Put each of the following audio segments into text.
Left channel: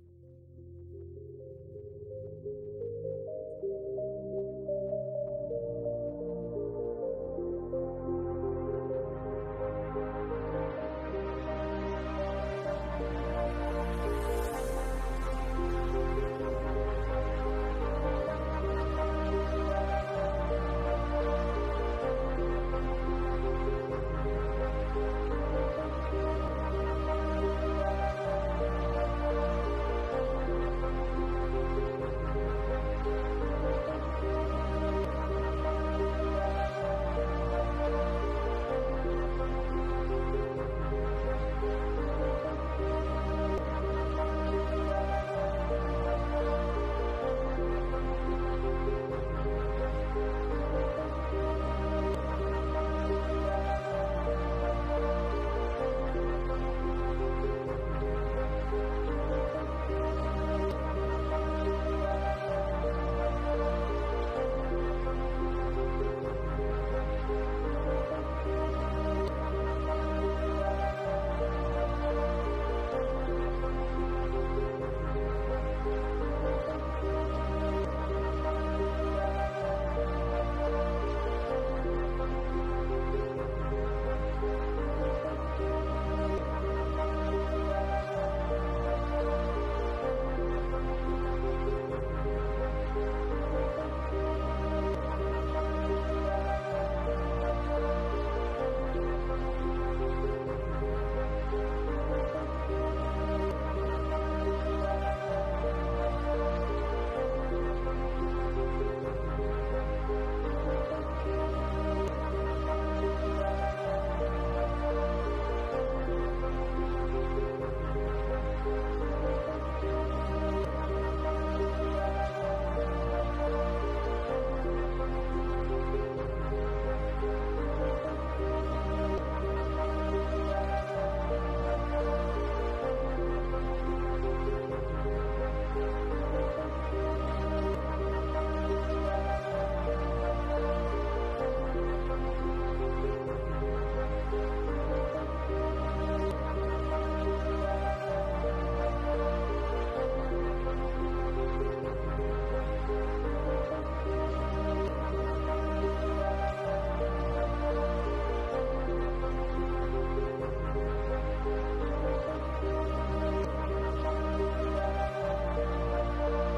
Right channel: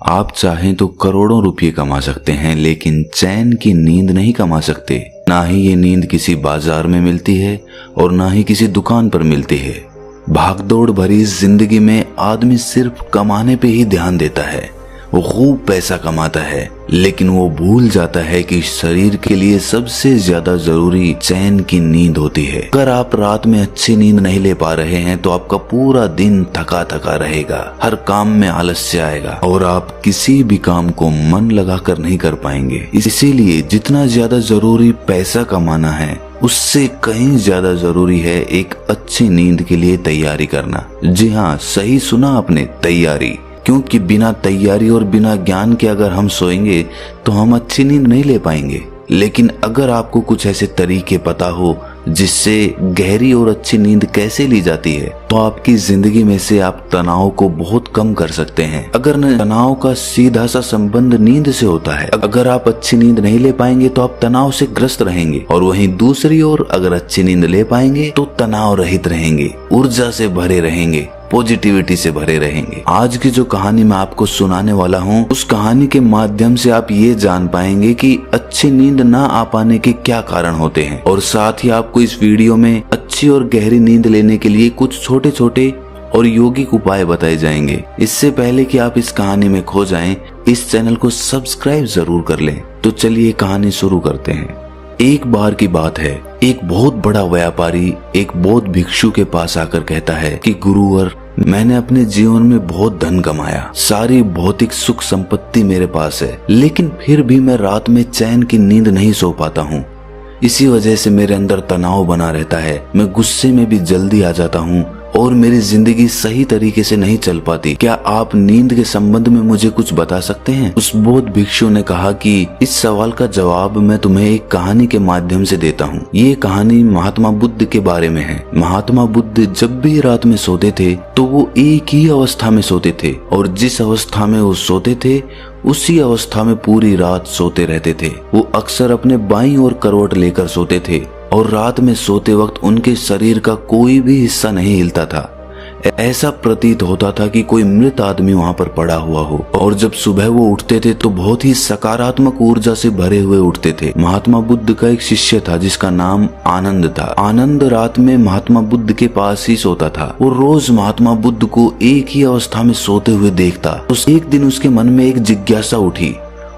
आप चाहें तो करोड़ों रुपये कमा सकते हैं, लेकिन चैन की नींद नहीं कमा सकते। ना ही ये नींद किसी बाजार में मिलती है और ना ही किसी दुकान पर मिलती है। भागदौड़ भरी इस जिंदगी में आदमी सिर्फ कमाने पे ही ध्यान देता है। वो खूब पैसा कमाता है, लेकिन वो भूल जाता है कि शरीर के लिए सबसे ज्यादा जरूरी चैन की नींद होती है। अगर आप रात में अच्छी नींद नहीं ले पा रहे हैं तो आपका पूरा दिन थका थका रहेगा, हर काम में आलस्य आएगा और आप किसी भी काम को मन लगाकर नहीं कर पाएंगे। इसीलिए जितना ज्यादा जरूरी पैसा कमाना है, उससे कहीं ज्यादा जरूरी है एक अच्छी नींद के लिए तैयारी करना। जी हाँ, सही सुना आपने, तैयारी। क्योंकि बिना तैयारी और बिना ज्ञान के अगर हम सोएंगे तो हम अच्छी नींद नहीं ले पाएंगे। लेकिन अगर आपको कुछ ऐसे तरीके पता हो जिससे गहरी और अच्छी नींद कैसे ली जाती है, तो आपकी जिंदगी में से आप तनाव को बहुत कम कर सकते हैं। अगर तनाव का सीधा सा संबंध नींद से होता है। अगर आप अच्छी नींद नहीं ले पाएंगे तो आप तनाव से ग्रस्त रहेंगे, और वहीं दूसरी ओर अगर अच्छी नींद ले पाएंगे तो तनाव रहित रहेंगे, ऊर्जा से भरे रहेंगे, पॉजिटिविटी से भरे रहेंगे। आज की जो कहानी मैं आपको सुनाने वाला हूँ, उस कहानी के माध्यम से आप ये जान पाएंगे कि अच्छी नींद ना आ पाने के क्या कारण होते हैं, और साथ ही आपको इस वीडियो में अच्छी और गहरी नींद लेने के लिए कुछ छोटे छोटे और यौगिक उपाय बताए जाएंगे। इससे पहले कि आप इस कहानी में खो जाएं, इस चैनल को सब्सक्राइब जरूर कर लें। तो चलिए कहानी शुरू करते हैं। एक बार की बात है, एक बहुत बड़ा व्यापारी एक बौद्ध भिक्षु के पास आकर कहता है कि गुरुवर, मैंने अपने जीवन में बहुत धन कमाया, सारी भौतिक सुख संपत्ति मेरे पास है, लेकिन फिर भी मैं रात में चैन की नींद नहीं सो पाता हूँ। इसी वजह से मेरे अंदर तनाव बना रहता है, मैं गुस्से में भी जल्दी आ जाता हूँ और मेरी जिंदगी सही तरीके से नहीं चल पाती। क्या आप नींद के संबंध में मुझे कुछ बता सकते हैं? उस बौद्ध भिक्षु ने कहा कि इस सवाल का जवाब मैं तुम्हें एक कहानी के माध्यम से देता हूँ। ये कहानी महात्मा बुद्ध के बारे में है। महात्मा बुद्ध जब भी रात में सोते थे तो वो एक ही अवस्था में सोते थे, और जिस अवस्था में वो सोते थे उसी अवस्था में पूरी रात सोते रहते थे। वो अक्सर अपने बाईं ओर करवट लेकर सोते थे और रात में सोते वक्त उनके शरीर का कोई भी हिस्सा नहीं हिलता था। ऐसा प्रतीत होता था कि कोई मृत आदमी वहां पर पड़ा हुआ हो। और जब सुबह वो उठते थे तो बहुत ही सकारात्मक ऊर्जा से भरे हुए उठते थे। महात्मा बुद्ध का एक शिष्य था जिसका नाम आनंद था। आनंद रात में महात्मा बुद्ध के पास ही सोता था। वो रोज महात्मा बुद्ध को एक ही अवस्था में सोते हुए देखता। तो एक दिन उसके मन में एक जिज्ञासा उठी।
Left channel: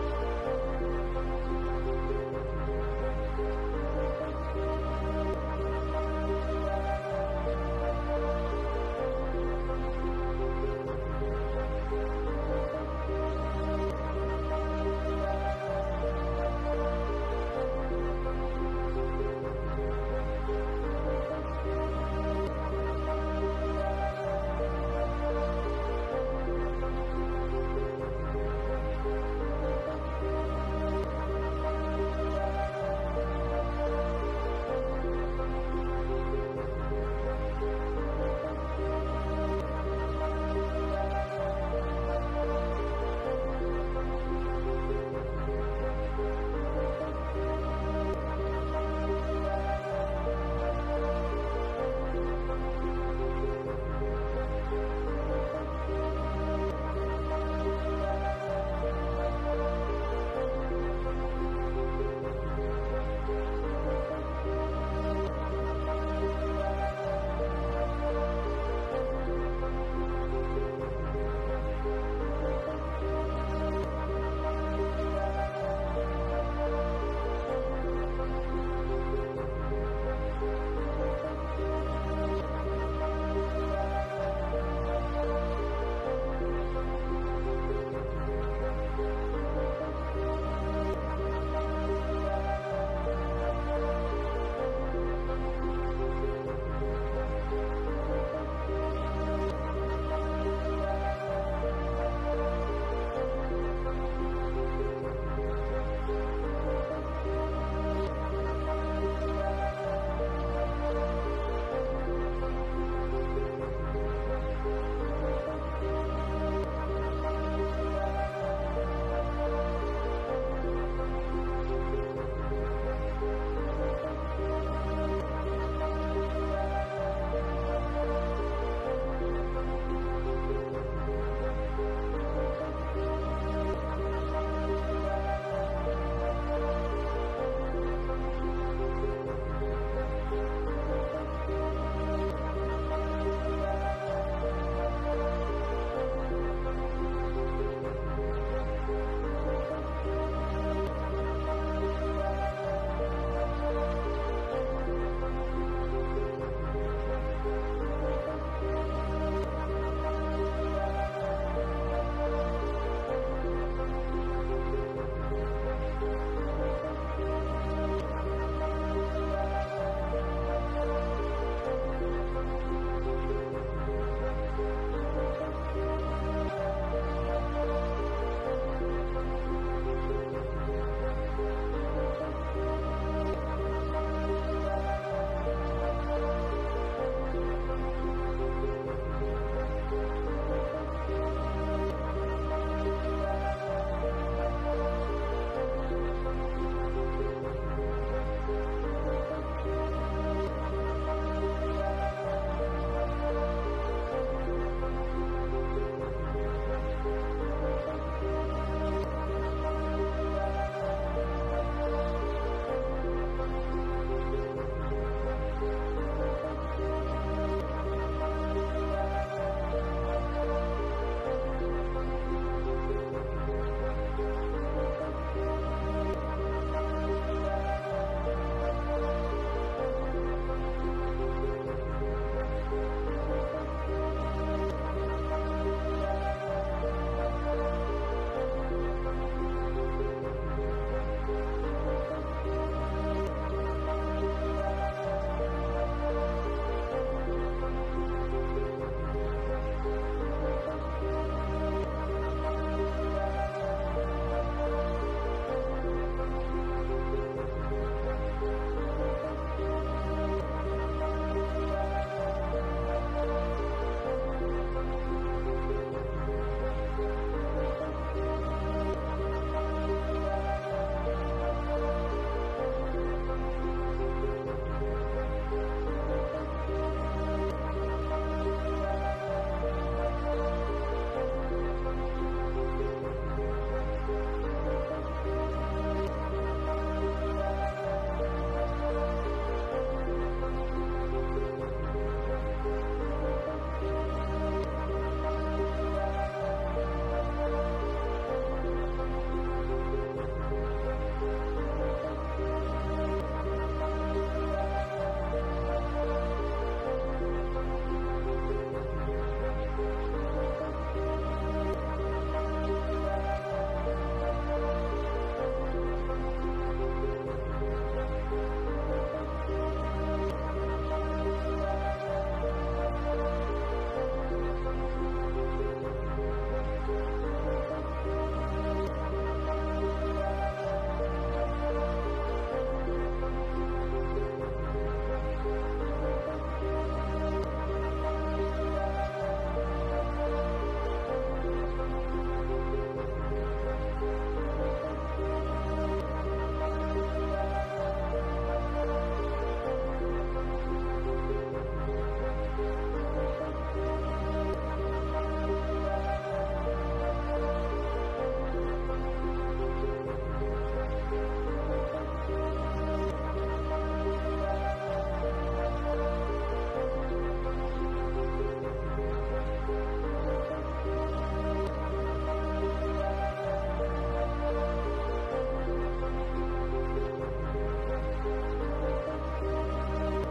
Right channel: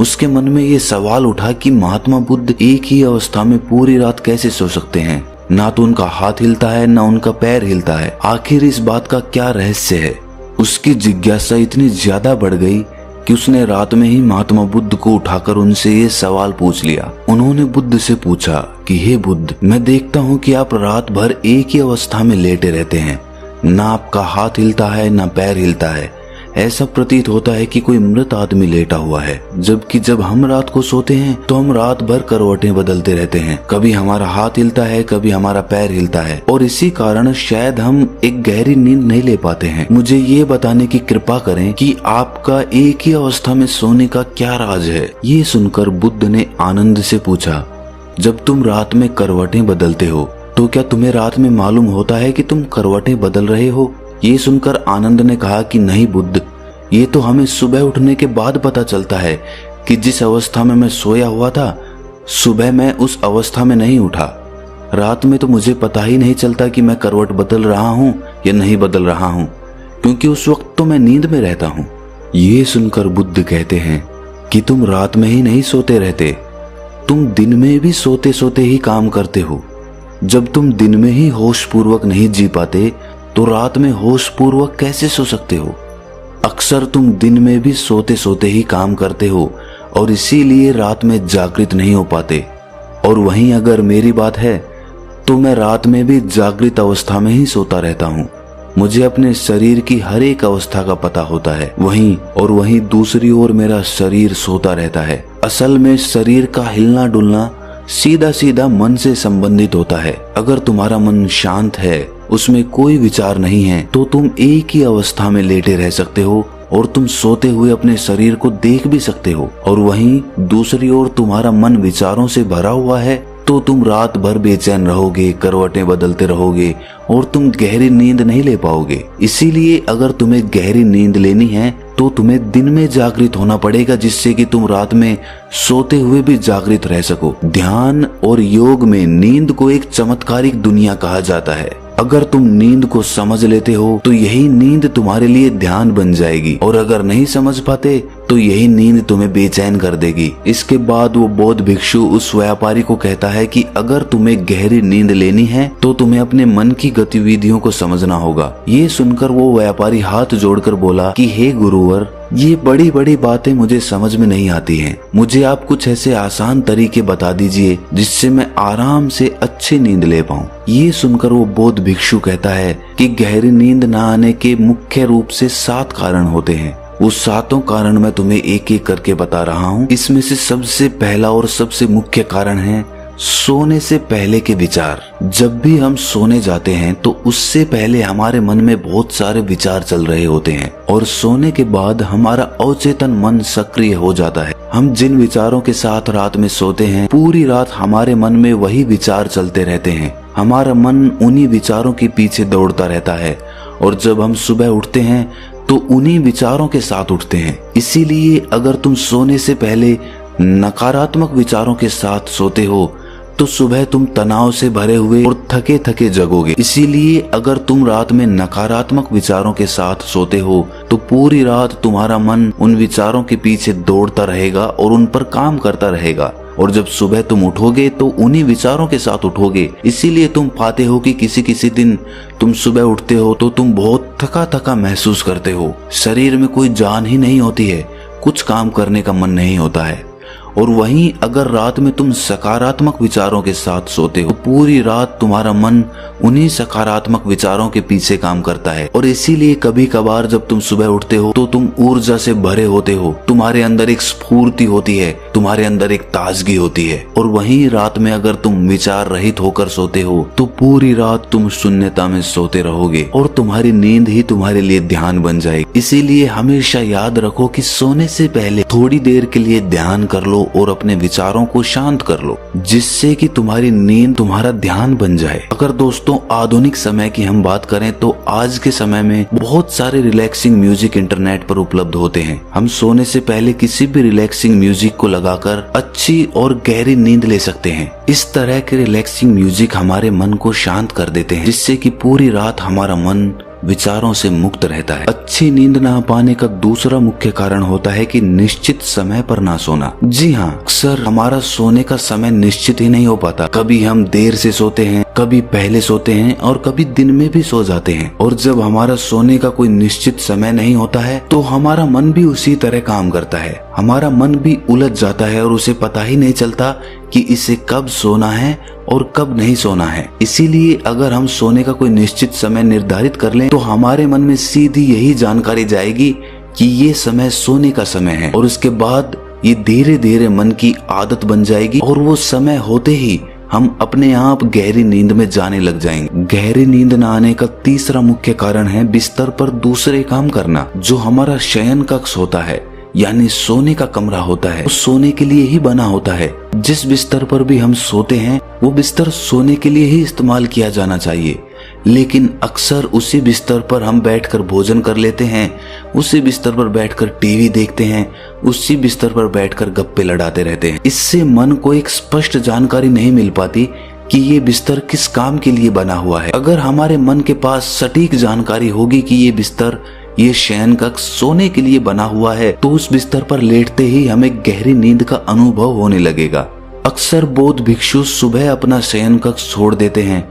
उसके मन में ये सवाल उठा कि महात्मा बुद्ध एक ही अवस्था में पूरी रात कैसे सो सकते हैं? ना तो उनका हाथ हिलता है, ना उनका पैर हिलता है। आखिर इस बात का क्या रहस्य है? उसकी जिज्ञासा इतनी ज्यादा बढ़ गई कि उसने रात में ही महात्मा बुद्ध को उठाकर उनसे ये सवाल पूछ लिया। उन्होंने बुद्ध से पूछा कि हे बुद्ध, मैं देखता हूँ कि आप रात भर एक ही अवस्था में लेटे रहते हैं, ना आपका हाथ हिलता है ना पैर हिलता है। ऐसा प्रतीत होता है कि कोई मृत आदमी लेटा हुआ है। जबकि जब हम रात को सोते हैं तो हम रात भर करवटें बदलते रहते हैं, कभी हमारा हाथ हिलता है, कभी हमारा पैर हिलता है, और इसी कारण शायद हम एक गहरी नींद नहीं ले पाते हैं। मुझे ये बताने की कृपा करें कि आपका एक ही अवस्था में सोने का क्या राज है? ये सुनकर बुद्ध ने आनंद से पूछा, जब तुम रात में करवटें बदलते हो तो क्या तुम्हें रात में मालूम होता है कि तुम करवटें बदल रहे हो? ये सुनकर आनंद ने कहा कि नहीं बुद्ध, ये तो हमें सुबह उठने के बाद पता चलता है कि जिस अवस्था में मैं सोया हुआ था, सुबह मैं उस अवस्था में नहीं उठा। रात में तो मुझे पता ही नहीं चलता कि मैं करवट बदल रहा हूँ या नहीं बदल रहा हूँ, क्योंकि उस वक्त तो मैं नींद में रहता हूँ। ये सुनकर बुद्ध कहते हैं कि तुम रात में ही नहीं सोते रहते, तुम दिन में भी सोते सोते ही काम करते हो। जब तुम दिन में ही होश पूर्वक नहीं जी पाते तो रात में होश पूर्वक कैसे सो सकते हो? अक्सर तुम दिन में भी सोते सोते ही काम करते हो और इसीलिए रात में जागृत नहीं हो पाते। और वहीं अगर मेरी बात है तो मैं रात में भी जागृत अवस्था में ही सोता रहता हूँ। मुझे अपने शरीर की हर एक अवस्था का पता होता है। वहीं दूसरी ओर मेरा शरीर सोता रहता है। असल में शरीर का हिलना डुलना सीधा सीधा मन से संबंधित होता है। अगर तुम्हारा मन शांत है, उसमें कोई विचार नहीं है, तो तुम एक ही अवस्था में लेटे रह सकते हो और तुम सोते हुए अपने शरीर को देख भी सकते हो। और वहीं दूसरी ओर तुम्हारा मन विचारों से भरा हुआ है तो तुम रात भर बेचैन रहोगे, करवटें बदलते रहोगे और तुम गहरी नींद नहीं ले पाओगे। इसीलिए अगर तुम्हें गहरी नींद लेनी है तो तुम्हें दिन में जागृत होना पड़ेगा, जिससे कि तुम रात में सोते हुए भी जागृत रह सको। ध्यान और योग में नींद को एक चमत्कारिक दुनिया कहा जाता है। अगर तुम नींद को समझ लेते हो तो यही नींद तुम्हारे लिए ध्यान बन जाएगी, और अगर नहीं समझ पाते तो यही नींद तुम्हें बेचैन कर देगी। इसके बाद वो बौद्ध भिक्षु उस व्यापारी को कहता है कि अगर तुम्हें गहरी नींद लेनी है तो तुम्हें अपने मन की गतिविधियों को समझना होगा। ये सुनकर वो व्यापारी हाथ जोड़कर बोला कि हे गुरुवर, ये बड़ी बड़ी बातें मुझे समझ में नहीं आती हैं। मुझे आप कुछ ऐसे आसान तरीके बता दीजिए जिससे मैं आराम से अच्छी नींद ले पाऊं। ये सुनकर वो बौद्ध भिक्षु कहता है कि गहरी नींद न आने के मुख्य रूप से 7 कारण होते हैं। उस 7 कारण मैं तुम्हें एक एक करके बता रहा हूँ। इसमें से सबसे पहला और सबसे मुख्य कारण है सोने से पहले के विचार। जब भी हम सोने जाते हैं तो उससे पहले हमारे मन में बहुत सारे विचार चल रहे होते हैं, और सोने के बाद हमारा अवचेतन मन सक्रिय हो जाता है। हम जिन विचारों के साथ रात में सोते हैं, पूरी रात हमारे मन में वही विचार चलते रहते हैं। हमारा मन उन्हीं विचारों के पीछे दौड़ता रहता है, और जब हम सुबह उठते हैं तो उन्हीं विचारों के साथ उठते हैं। इसीलिए अगर तुम सोने से पहले नकारात्मक विचारों के साथ सोते हो तो सुबह तुम तनाव से भरे हुए और थके थके जगोगे। इसीलिए अगर तुम रात में नकारात्मक विचारों के साथ सोते हो तो पूरी रात तुम्हारा मन उन विचारों के पीछे दौड़ता रहेगा और उन पर काम करता रहेगा, और जब सुबह तुम उठोगे तो उन्हीं विचारों के साथ उठोगे। इसीलिए तुम पाते हो कि किसी किसी दिन तुम सुबह उठते हो तो तुम बहुत थका थका महसूस करते हो, शरीर में कोई जान ही नहीं होती है, कुछ काम करने का मन नहीं होता है। और वहीं अगर रात में तुम सकारात्मक विचारों के साथ सोते हो तो पूरी रात तुम्हारा मन उन्हीं सकारात्मक विचारों के पीछे काम करता है, और इसीलिए कभी कभार जब तुम सुबह उठते हो तो तुम ऊर्जा से भरे होते हो, तुम्हारे अंदर एक स्फूर्ति होती है, तुम्हारे अंदर एक ताजगी होती है। और वहीं रात में अगर तुम विचार रहित होकर सोते हो तो पूरी रात तुम शून्यता में सोते रहोगे, और तुम्हारी नींद ही तुम्हारे लिए ध्यान बन जाएगी। इसीलिए हमेशा याद रखो कि सोने से पहले थोड़ी देर के लिए ध्यान कर लो और अपने विचारों को शांत कर लो, जिससे कि तुम्हारी नींद तुम्हारा ध्यान बन जाए। अगर दोस्तों आधुनिक समय की हम बात करें तो आज के समय में बहुत सारे रिलैक्सिंग म्यूजिक इंटरनेट पर उपलब्ध होते हैं। हम सोने से पहले किसी भी रिलैक्सिंग म्यूजिक को लगाकर अच्छी और गहरी नींद ले सकते हैं। इस तरह के रिलैक्सिंग म्यूजिक हमारे मन को शांत कर देते हैं, जिससे कि पूरी रात हमारा मन विचारों से मुक्त रहता है। अच्छी नींद ना पाने का दूसरा मुख्य कारण होता है कि निश्चित समय पर ना सोना। जी हाँ, अक्सर हमारा सोने का समय निश्चित ही नहीं हो पाता। कभी हम देर से सोते हैं, कभी पहले सोते हैं, और कभी दिन में भी सो जाते हैं। और जब हमारा सोने का कोई निश्चित समय नहीं होता है तो हमारा मन भी उसी तरह काम करता है। हमारा मन भी उलझ जाता है और उसे पता ही नहीं चलता कि इसे कब सोना है और कब नहीं सोना है। इसीलिए अगर हम सोने का कोई निश्चित समय निर्धारित कर लें तो हमारे मन में सीधी यही जानकारी जाएगी कि ये समय सोने का समय है, और उसके बाद ये धीरे धीरे मन की आदत बन जाएगी, और वो समय होते ही हम अपने आप गहरी नींद में जाने लग जाएंगे। गहरी नींद न आने का तीसरा मुख्य कारण है बिस्तर पर दूसरे काम करना। जो हमारा शयन कक्ष होता है, यानी सोने का कमरा होता है, वो सोने के लिए ही बना होता है। जिस बिस्तर पर भी हम सोते हैं वो बिस्तर सोने के लिए ही इस्तेमाल किया जाना चाहिए, लेकिन अक्सर उसी बिस्तर पर हम बैठकर भोजन कर लेते हैं, उसी बिस्तर पर बैठकर टीवी देखते हैं, उसी बिस्तर पर बैठकर गप्पे लड़ाते रहते हैं। इससे मन को एक स्पष्ट जानकारी नहीं मिल पाती कि ये बिस्तर किस काम के लिए बना हुआ है। अगर हमारे मन के पास सटीक जानकारी होगी कि ये बिस्तर, ये शयन कक्ष सोने के लिए बना हुआ है, तो उस बिस्तर पर लेटते ही हमें गहरी नींद का अनुभव होने लगेगा। अक्सर बौद्ध भिक्षु सुबह अपना शयन कक्ष छोड़ देते हैं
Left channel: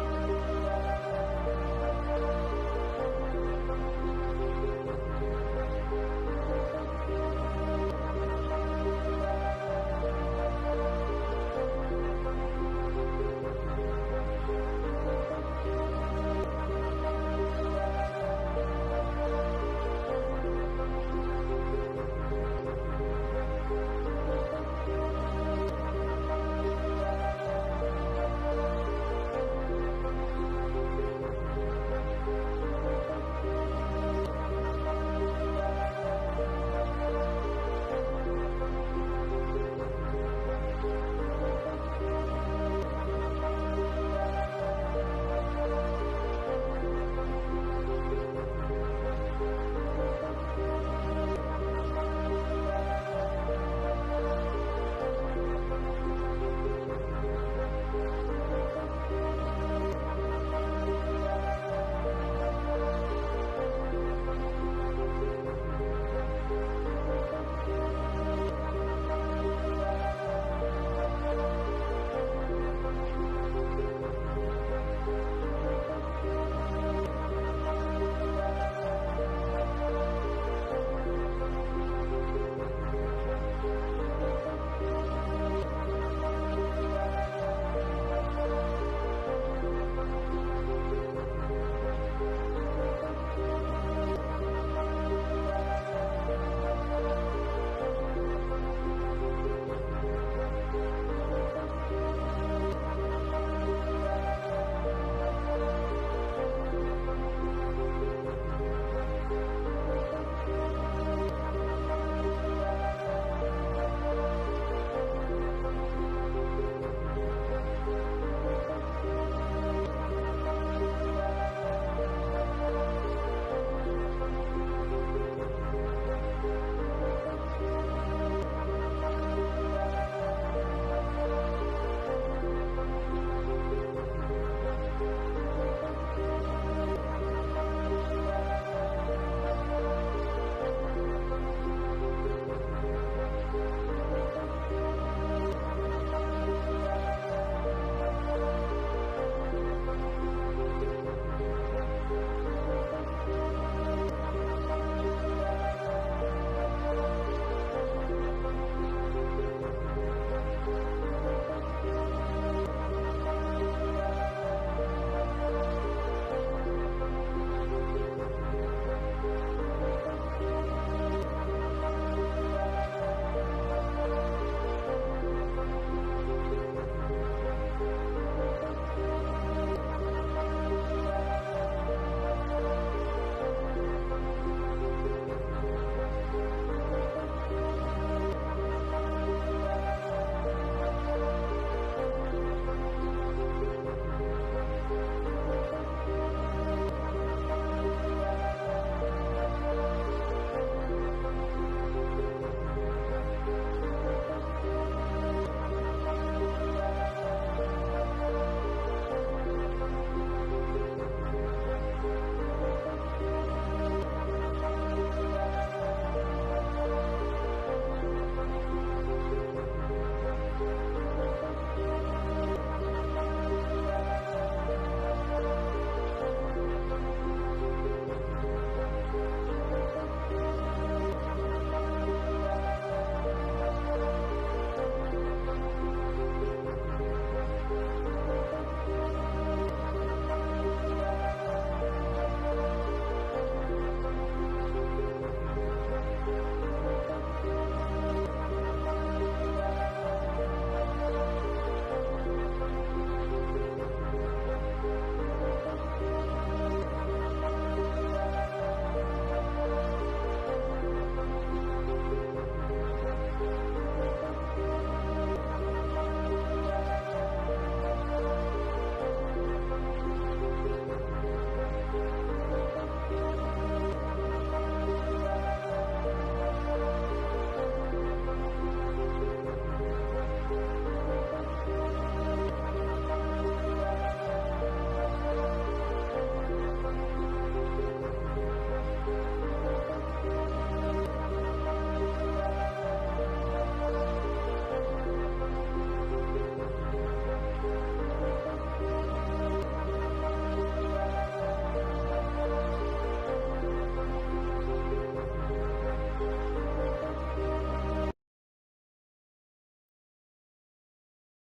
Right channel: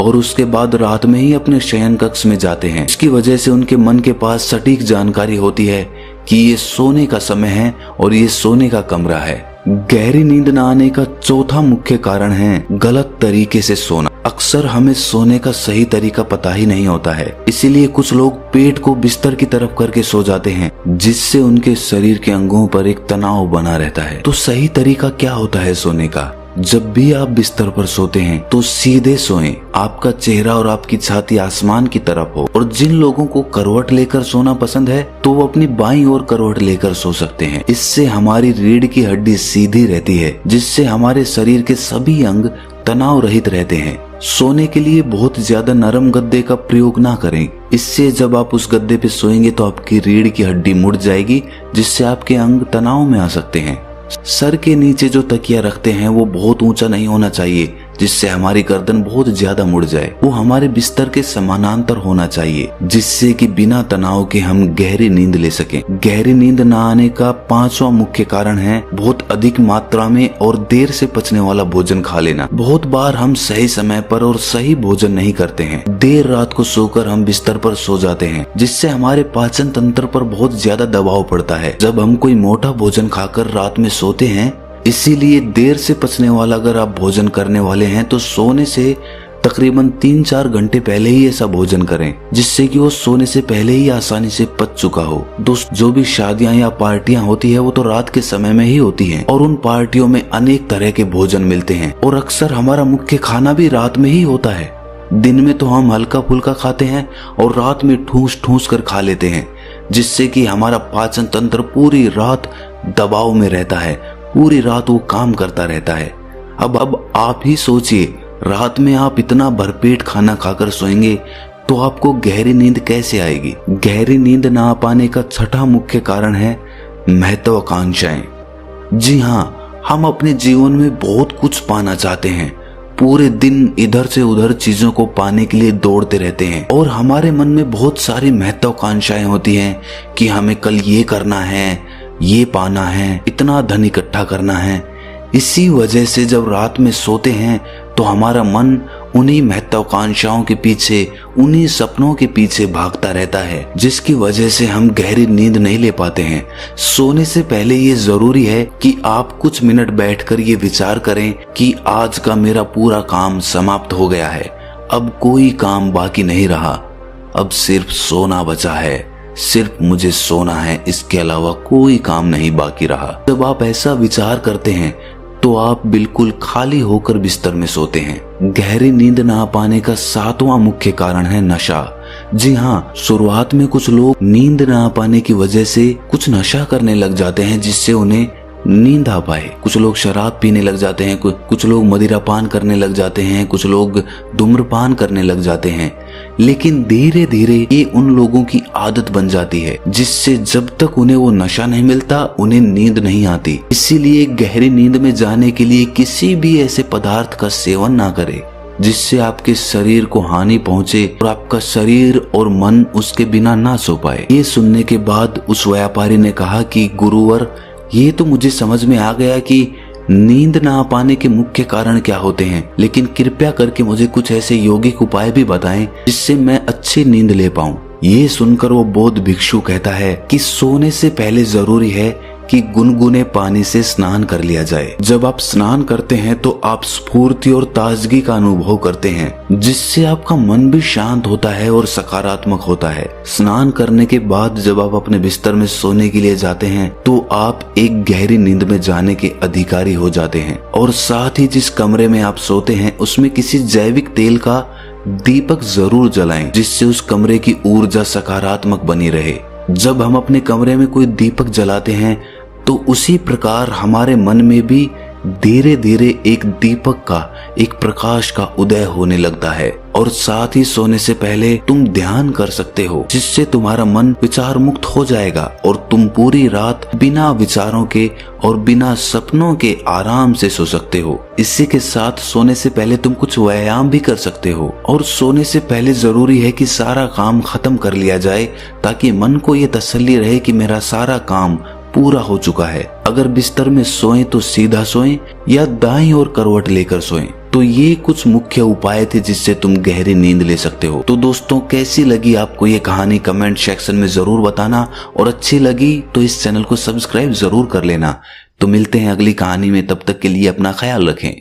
और उसके बाद रात में ही अपने शयन कक्ष में जाते हैं। इसकी वजह से उनके मन के पास सटीक जानकारी होती है कि ये सोने का समय है और ये सोने का कमरा है। गहरी नींद न आने का चौथा मुख्य कारण है गलत तरीके से सोना। अक्सर हमें सोने का सही तरीका पता ही नहीं होता है, इसीलिए कुछ लोग पेट को बिस्तर की तरफ करके सो जाते हैं, जिससे उनके शरीर के अंगों पर एक तनाव बना रहता है। तो सही तरीका क्या होता है सोने का? जब भी आप बिस्तर पर सोते हैं तो सीधे सोएं, आपका चेहरा और आपकी छाती आसमान की तरफ हो। और जिन लोगों को करवट लेकर सोना पसंद है तो वो अपनी बाईं ओर करवट लेकर सो सकते हैं। इससे हमारी रीढ़ की हड्डी सीधी रहती है, जिससे हमारे शरीर के सभी अंग तनाव रहित रहते हैं। सोने के लिए बहुत ज्यादा नरम गद्दे का प्रयोग ना करें। इससे जब आप उस गद्दे पे सोएंगे तो आपकी रीढ़ की हड्डी मुड़ जाएगी, जिससे आपके अंग तनाव में आ सकते हैं। सर के नीचे जो तकिया रखते हैं वो बहुत ऊंचा नहीं होना चाहिए, जिससे हमारी गर्दन बहुत ज्यादा मुड़ जाए। वो हमारे बिस्तर के समानांतर होना चाहिए, जिससे कि बिना तनाव के हम गहरी नींद ले सकें। गहरी नींद न आने का 5वां मुख्य कारण है बहुत अधिक मात्रा में और देर से पचने वाला भोजन खा लेना। बहुत बार हम सही समय पर और सही भोजन नहीं करते हैं। देर रात को सोकर हम बिस्तर पर सो जाते हैं, जिससे हमारे पाचन तंत्र पर बहुत ज्यादा दबाव पड़ता है जब हम कोई मोटा भोजन खाकर रात में सोते हैं। इसीलिए देर से पचने वाला अगर आप भोजन करने वाले हैं तो सोने से तकरीबन 3-4 घंटे पहले ही ऐसा भोजन करें, जिससे कि वो सोने से पहले ही आसानी से पच चुका हो। दोस्त, जो भी शादियां या पार्टियां होती है वो तो रात के समय में ही होती हैं, और उन पार्टियों में अनेक तरह के भोजन मिलते हैं और अक्सर हमारा मुख्य खाना भी रात में ही होता है। दिन में तो हम हल्का फुल्का खाते हैं और रात में ठूस ठूस कर खा लेते हैं, जिससे कि हमारा पाचन तंत्र पूरी रात दबाव में रहता है, पूरी रात वो काम करता रहता है। अब आप ही सोचिए, रात में आप इतना भरपेट खाना खाकर सोएंगे तो आपको गहरी नींद कैसे आएगी। गहरी नींद ना आ पाने का 6वां मुख्य कारण है महत्वाकांक्षाएं। जी हाँ, हम अपने जीवन में बहुत कुछ पाना चाहते हैं। पूरे दिन इधर से उधर चीजों को पाने के लिए दौड़ते रहते हैं और हमारे मन में बहुत सारी महत्वाकांक्षाएं होती हैं कि हमें कल ये करना है, ये पाना है, इतना धन इकट्ठा करना है। इसी वजह से जब रात में सोते हैं तो हमारा मन उन्हीं महत्वाकांक्षाओं के पीछे, उन्हीं सपनों के पीछे भागता रहता है, जिसकी वजह से हम गहरी नींद नहीं ले पाते हैं। सोने से पहले ये जरूरी है कि आप कुछ मिनट बैठकर ये विचार करें कि आज का मेरा पूरा काम समाप्त हो गया है, अब कोई काम बाकी नहीं रहा, अब सिर्फ सोना बचा है, सिर्फ मुझे सोना है, इसके अलावा कोई काम नहीं बाकी रहा। जब आप ऐसा विचार करते हैं तो आप बिल्कुल खाली होकर बिस्तर में सोते हैं। गहरी नींद ना आ पाने का 7वां मुख्य कारण है नशा। जी हाँ, शुरुआत में कुछ लोग नींद ना आ पाने की वजह से कुछ नशा करने लग जाते हैं, जिससे उन्हें नींद आ पाए। कुछ लोग शराब पीने लग जाते हैं, कुछ लोग मदिरा पान करने लग जाते हैं, कुछ लोग धूम्रपान करने लग जाते हैं। लेकिन धीरे धीरे ये उन लोगों की आदत बन जाती है, जिससे जब तक उन्हें वो नशा नहीं मिलता उन्हें नींद नहीं आती। इसीलिए गहरी नींद में जाने के लिए किसी भी ऐसे पदार्थ का सेवन ना करें जिससे आपके शरीर को हानि पहुंचे और आपका शरीर और मन उसके बिना ना सो पाए। ये सुनने के बाद उस व्यापारी ने कहा कि गुरुवर, ये तो मुझे समझ में आ गया कि नींद ना आ पाने के मुख्य कारण क्या होते हैं, लेकिन कृपया करके मुझे कुछ ऐसे यौगिक उपाय भी बताएं जिससे मैं अच्छी नींद ले पाऊं। ये सुनकर वो बौद्ध भिक्षु कहता है कि सोने से पहले जरूरी है कि गुनगुने पानी से स्नान कर लिया जाए। जब आप स्नान करते हैं तो आप स्फूर्ति और ताजगी का अनुभव करते हैं, जिससे आपका मन भी शांत होता है और सकारात्मक होता है। स्नान करने के बाद जब आप अपने बिस्तर में सोने के लिए जाते हैं तो आप एक गहरी नींद में जाने के अधिकारी हो जाते हैं। और साथ ही जिस कमरे में आप सोते हैं उसमें किसी जैविक तेल का दीपक जरूर जलाएं, जिससे उस कमरे की ऊर्जा सकारात्मक बनी रहे। जब हम अपने कमरे में कोई दीपक जलाते हैं तो उसी प्रकार हमारे मन में भी धीरे धीरे एक दीपक का, एक प्रकाश का उदय होने लगता है। और साथ ही सोने से पहले तुम ध्यान कर सकते हो, जिससे तुम्हारा मन विचार मुक्त हो जाएगा और तुम पूरी रात बिना विचारों के और बिना सपनों के आराम से सो सकते हो। इसी के साथ सोने से पहले तुम कुछ व्यायाम भी कर सकते हो। और सोने से पहले जरूरी है कि सारा काम खत्म कर लिया जाए, ताकि मन को ये तसल्ली रहे कि मेरा सारा काम पूरा हो चुका है। अगर बिस्तर में सोएं तो सीधा सोएं या दाईं ओर करवट लेकर सोएं। तो ये कुछ मुख्य उपाय थे जिससे तुम गहरी नींद ले सकते हो। तो दोस्तों, कैसी लगी आपको ये कहानी कमेंट सेक्शन में जरूर बताना, और अच्छी लगी तो इस चैनल को सब्सक्राइब जरूर कर लेना। तो मिलते हैं अगली कहानी में, तब तक के लिए अपना ख्याल रखें।